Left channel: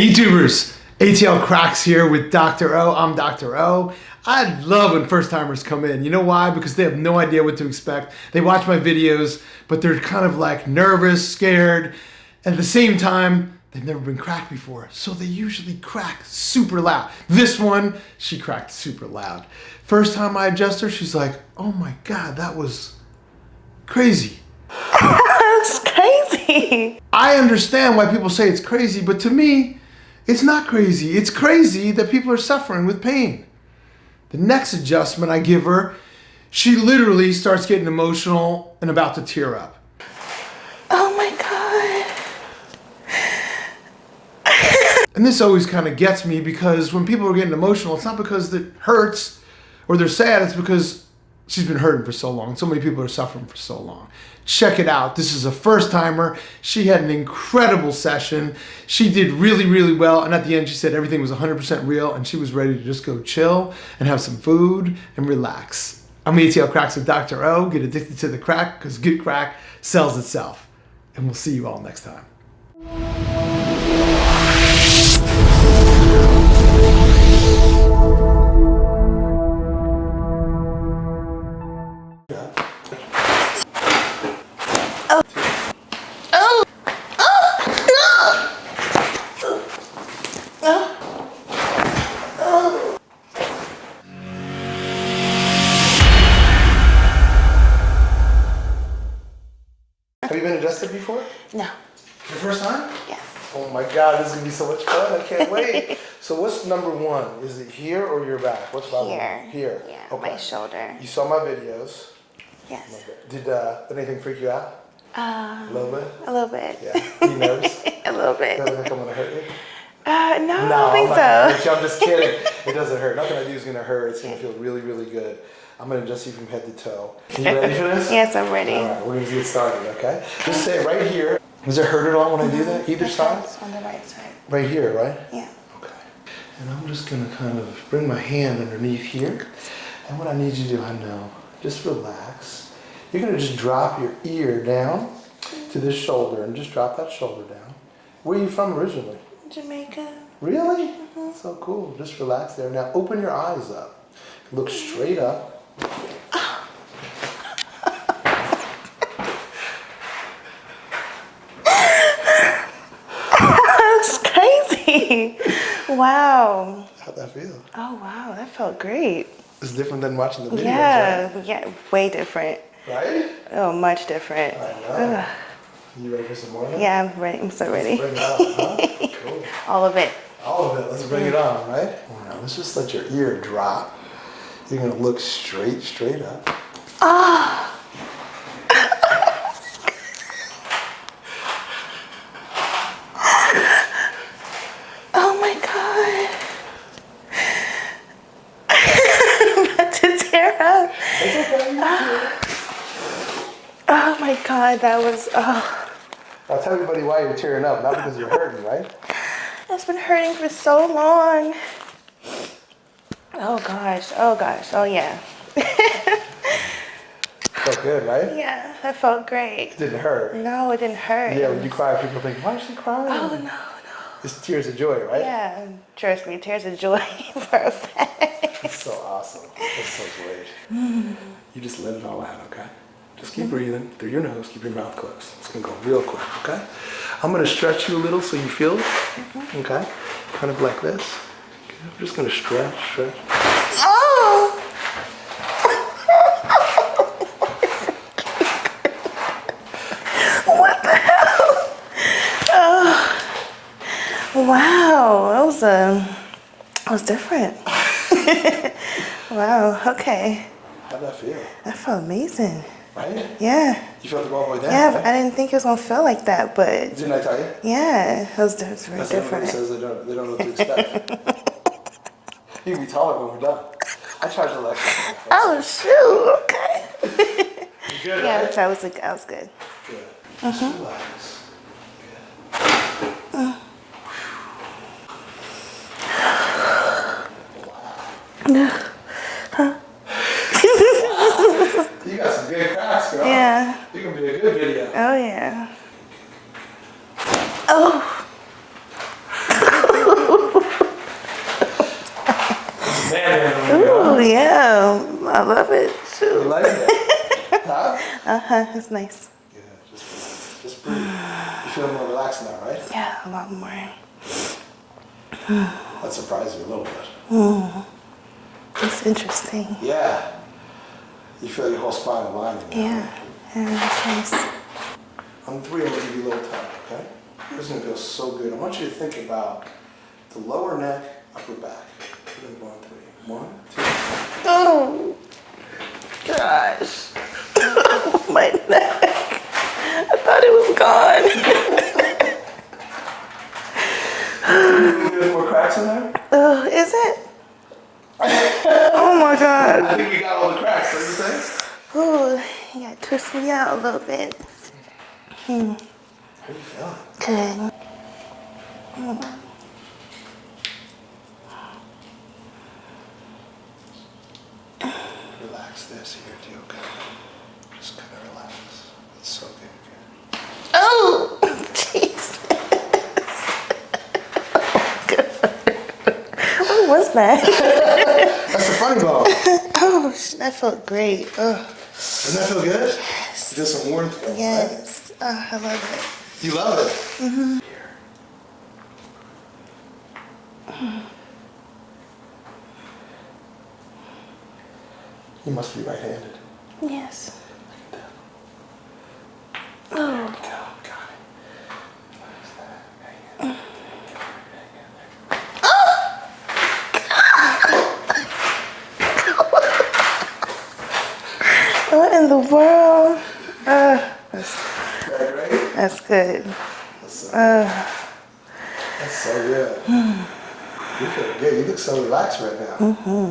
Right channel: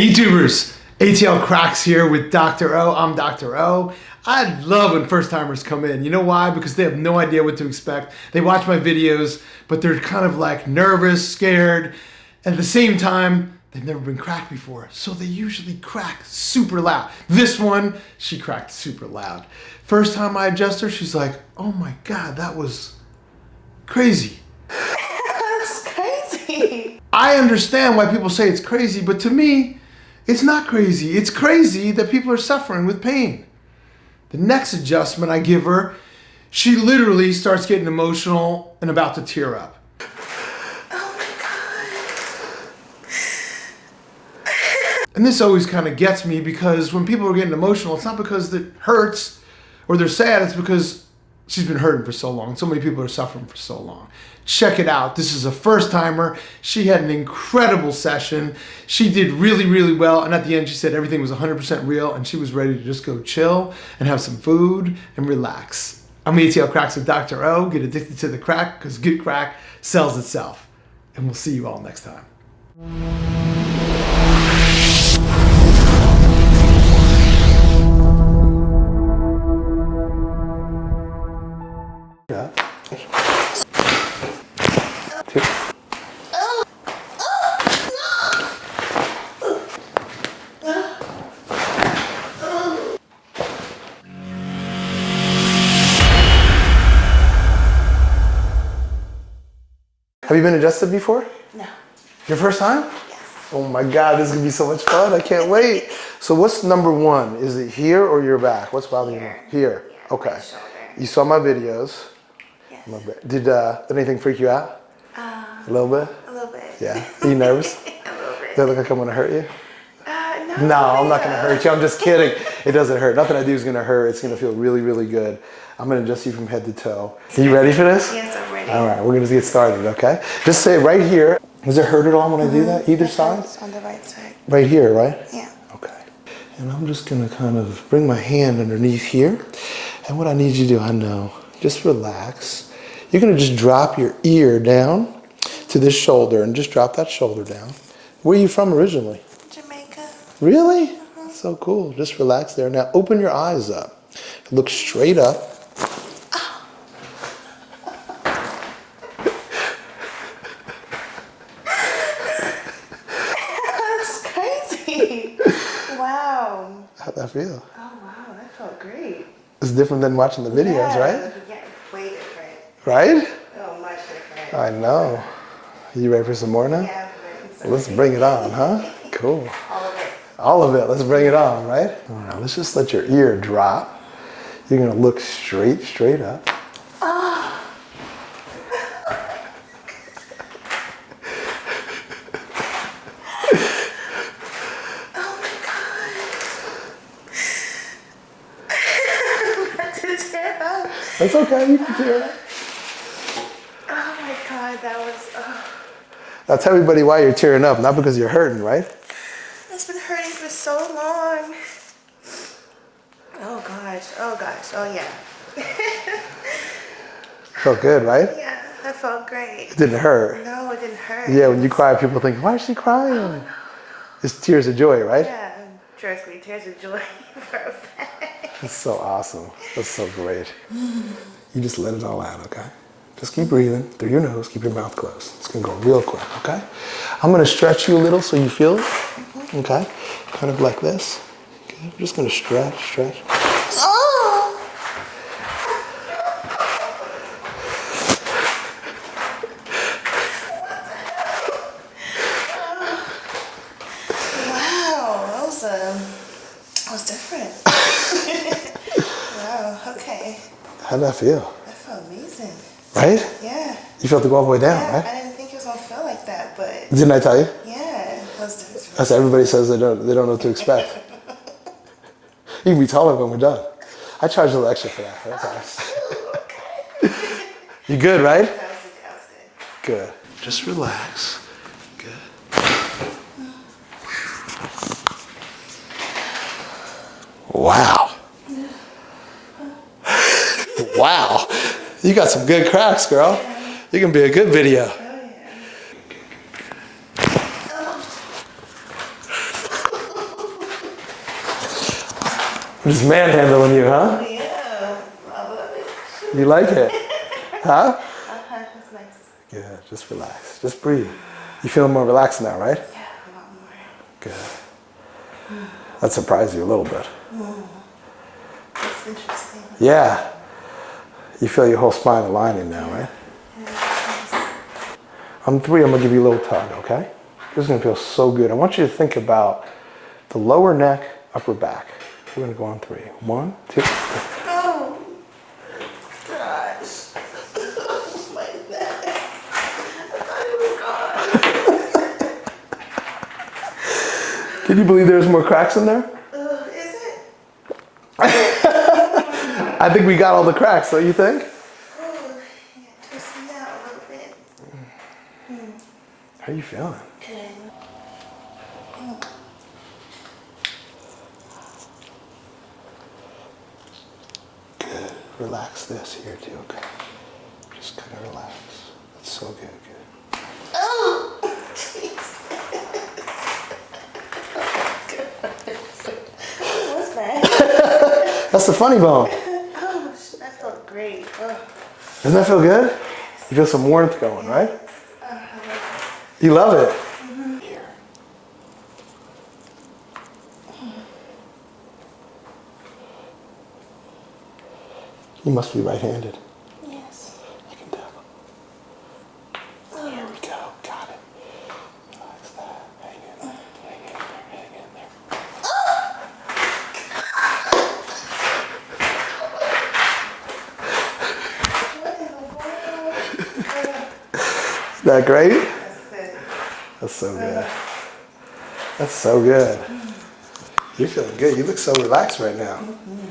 Hey YouTubers, Atl Cracks here with Dr.O. I'm Dr.O. I love when first timers come in. You know why? Because they have no idea what to expect. They watch my videos, but they're kind of like nervous, scared. At the same time, they've never been cracked before. So they usually crack super loud. This one, she cracked super loud. First time I adjust her, she's like, oh my God, that was crazy. That's crazy. I understand why people say it's crazy, but to me, it's not crazy. It's crazy that people are suffering with pain. The next adjustment I give her, she literally starts getting emotional and about to tear up. Oh my God. And this always kind of gets me because when people are getting emotional, it's not because it hurts or they're sad, it's because she's been hurting for so long. So many people are suffering for so long. Check it out. This is a first timer. She had an incredible session. She did really, really well. And at the end, she said everything was 100% real and she was ready to just go chill and have some food and relax. I'm Atl Cracks with Dr. O. Get addicted to the crack because good crack sells itself. And we'll see you all next time. Have you been adjusted before? No. Your first time? Yes. Oh my God, this is gonna be so much fun. I can't wait. So what's number one? Is it here or your back? What's bothering you? Here. Yeah, Okay. my shoulder. You saw my videos. Yes. Did anything freak you out? A little bit? A little bit. Yeah. Are you nervous? A little bit. Does it look like I'm gonna hurt you? No, I No, don't I'm think not so. gonna hurt you. I'm just kidding. It doesn't hurt. Nothing I do is gonna hurt. It's gonna feel really, really good. I'm gonna adjust you from head to toe. Are you ready for this? Yes, I'm ready. All right, we're gonna get started, okay? Just say right here. Does it hurt at all when I do that? Either side? On the right side. Right here, right? Yeah. Okay. And I'm just gonna kind of bring my hand underneath here. And what I need you to do, I know, just relax. You're gonna just drop your ear down to this shoulder and just drop that shoulder down. Where are you from originally? Jamaica. Really? So cool. Just relax there. Now open your eyes up. Look straight up. That's crazy. Wow. How'd that feel? Oh wow, that felt great. It's different than watching the videos, right? Yeah, way different. Right? Oh, much different. I know. You ready for some more now? Yeah, I'm ready. I'm so Let's ready. bring it on, huh? Cool. All of it. All of it. Let's bring it on, right? Now, let's just let your ear drop. You're gonna look straight up. Oh. Oh my God. I'm about to tear up. It's okay, you can do it. Oh my God, that was, Now tell everybody why you're tearing up, not because you're hurting, right? It's been hurting for so long. Oh gosh, oh yeah. Felt good, right? Yeah, that felt great. It didn't hurt. No, it didn't hurt. Yeah, when you cry, people think, why is she crying? Oh no. It's tears of joy, right? Yeah, trust me, tears of joy for a fact. That's so awesome. That's so great. You just let it all out, okay? Just keep breathing through your nose, keep your mouth closed. It's gonna go real quick, okay? I'm gonna stretch you a little so you feel it, okay? Kind of like this. Okay. I'm just gonna stretch. Oh! What the hell? Oh. Wow, that was different. Wow, okay. How'd that feel? That felt amazing. Right? Yeah. You felt it go all the way down, Yeah, right? I didn't think it was gonna feel like that, but Didn't I tell you? yeah, it was That's what everybody says they don't know what to expect. You can be taller when we're done. I charge a little extra for that. Oh shoot, okay. You good, right? That was good. Good. Just relax. Good. Wow. Wow. You got some good cracks, girl. Yeah. You can be a good video. Oh, yeah. Oh. He's manhandling you, huh? Oh, yeah. I love it. You like it? Huh? Uh-huh. It's nice. Yeah, just relax. Just breathe. You feel more relaxed now, right? Yeah, a lot more. Good. That surprised you a little bit. It's interesting. Yeah. You feel your whole spine aligning now, right? Yeah, that's nice. On 3, I'm gonna give you a little tug, okay? This is gonna feel so good. I want you to think about the lower neck, upper back. We're gonna go on 3. 1, 2. Oh, gosh. My neck. I thought it was gone. Can you believe there's more cracks in there? Is it? Oh my God. I think we got all the cracks, don't you think? Oh, you gotta twist me out a little bit. How you feeling? Good. Relax this here too, okay? Just kind of relax. That's so good. Oh, jeez. What was that? That's the funny bone. Oh, that felt great. Oh, Doesn't that feel good? You feel some warmth going, right? yes. Oh, I love You love it? Here. You must be right-handed. it. Yes. I can tell. Oh. There we go. Got it. Relax that. Hang in there. Hang in there. What in the world? Is that great? That's good. That's so good. That's so good. You're feeling good. You look so relaxed right now. All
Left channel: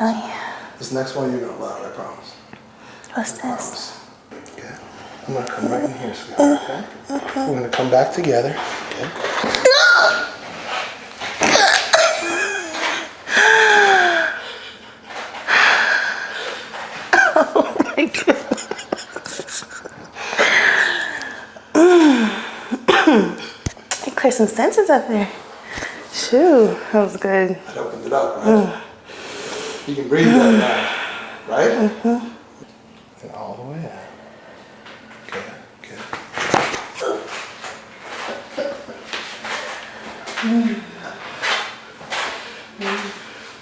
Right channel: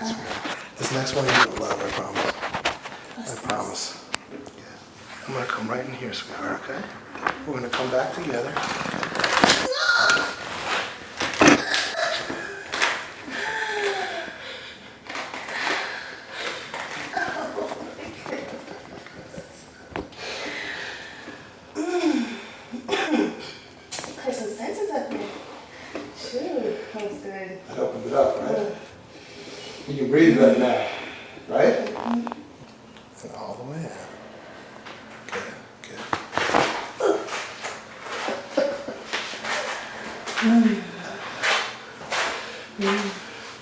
right. This next one you're gonna love, I promise. What's I this? promise. Yeah. I'm gonna come right in here, sweetheart, okay? We're gonna come back together, okay? Oh my God. You cleared some senses up there. Shoo, that was good. That opened it up, right? You can breathe better now, right? And all the way in. Good, good.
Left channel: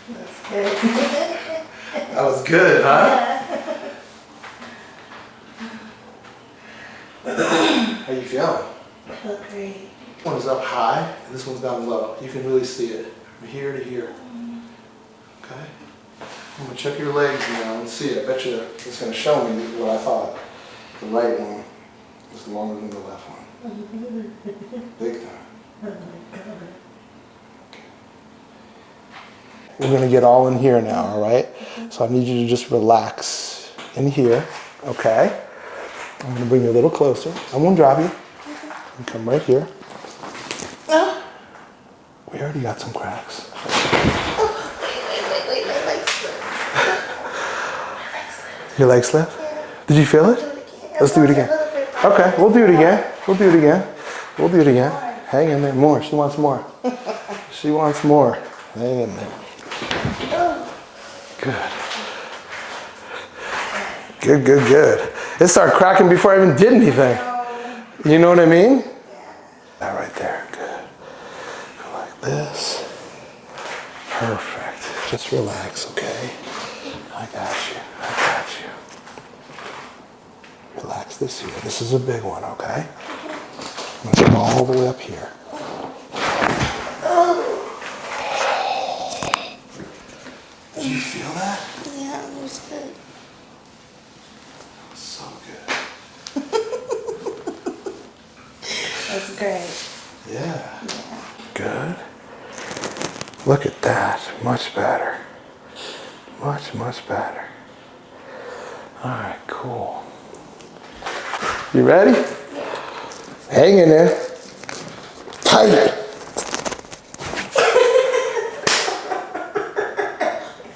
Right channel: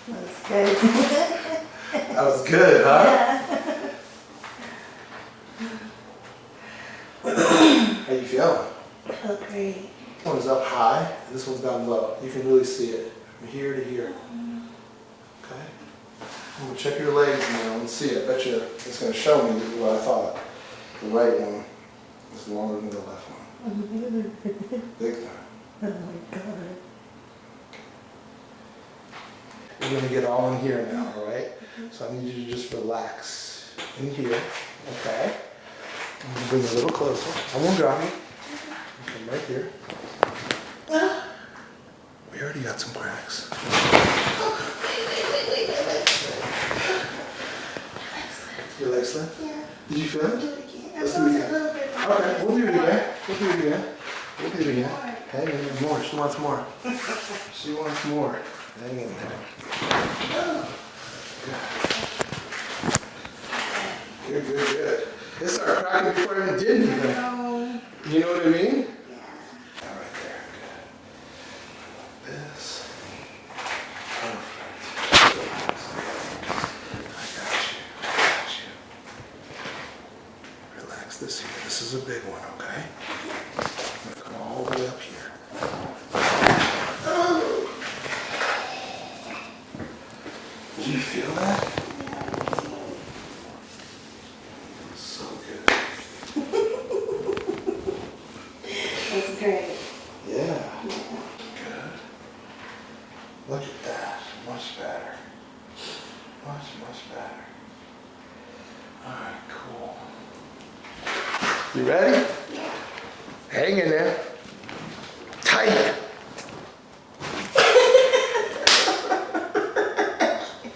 That's good. That was good, huh? How you feeling? Felt great. This one's up high, and this one's down low. You can really see it from here to here. Okay? I'm gonna check your legs now and see. I bet you it's gonna show me what I thought. The right one is longer than the left one. Big time. Oh my God. We're gonna get all in here now, all right? So I need you to just relax in here, okay? I'm gonna bring you a little closer. I'm gonna grab you. And come right here. We already got some cracks. Wait, my legs slip. Your leg slip? Yeah. Did you feel it? Do it again. Let's do it again. A little bit. Okay, we'll do it again. We'll do it again. We'll do it again. Hang in there. More. She wants more. She wants more. Hang in there. Good. Good, good, good. It started cracking before I even did anything. You know what I mean? That right there. Good. Go like this. Perfect. Just relax, okay? I got you. I got you. Relax this here. This is a big one, okay? I'm gonna go all the way up here. Did you feel that? Yeah, it was good. So good. That's great. Yeah. Good. Look at that. Much better. Much, much better. All right, cool. You ready? Hang in there. Tight.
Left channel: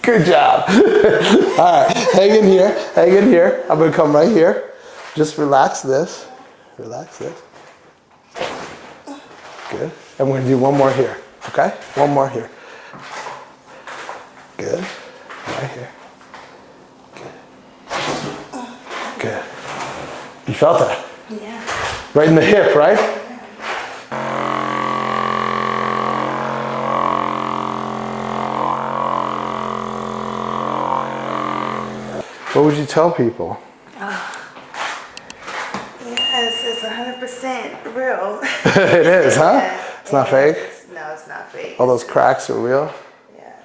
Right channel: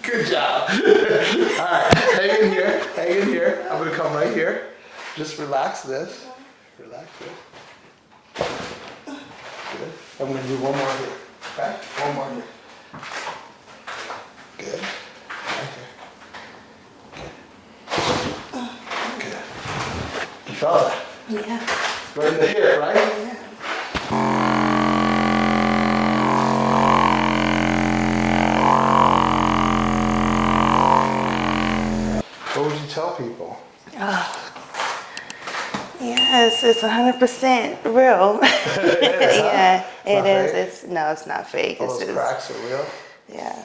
Good job. All right, hang in here. Hang in here. I'm gonna come right here. Just relax this. Relax this. Good. And we're gonna do one more here. Okay? One more here. Good. Right here. Good. You felt that? Yeah. Right in the hip, right? What would you tell people? Yes, it's 100% real. It is, huh? Yeah, It's not fake? No, it's not fake. All It's those just- cracks are real? Yeah.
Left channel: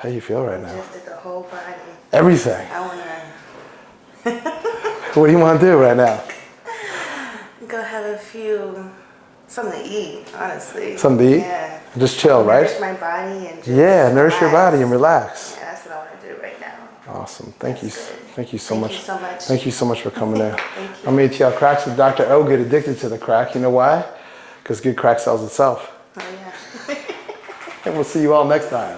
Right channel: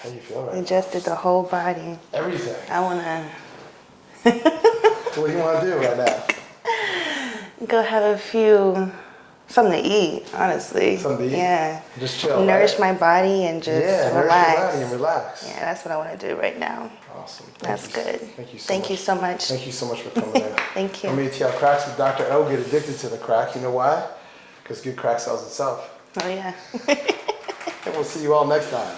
How do you feel right now? Adjusted the whole body. Everything. I wanna What do you want to do right now? go have something to eat, honestly. Something to eat? Yeah. Just chill, Nourish right? my body and just Yeah, nourish your relax. body and relax. Yeah, that's what I want to do right now. Awesome. That's good. Thank you so much. Thank you so much. Thank you so much for coming in. Thank you. I'm Atl Cracks with Dr.O. Get addicted to the crack. You know why? Because good crack sells itself. Oh, yeah. And we'll see you all next time.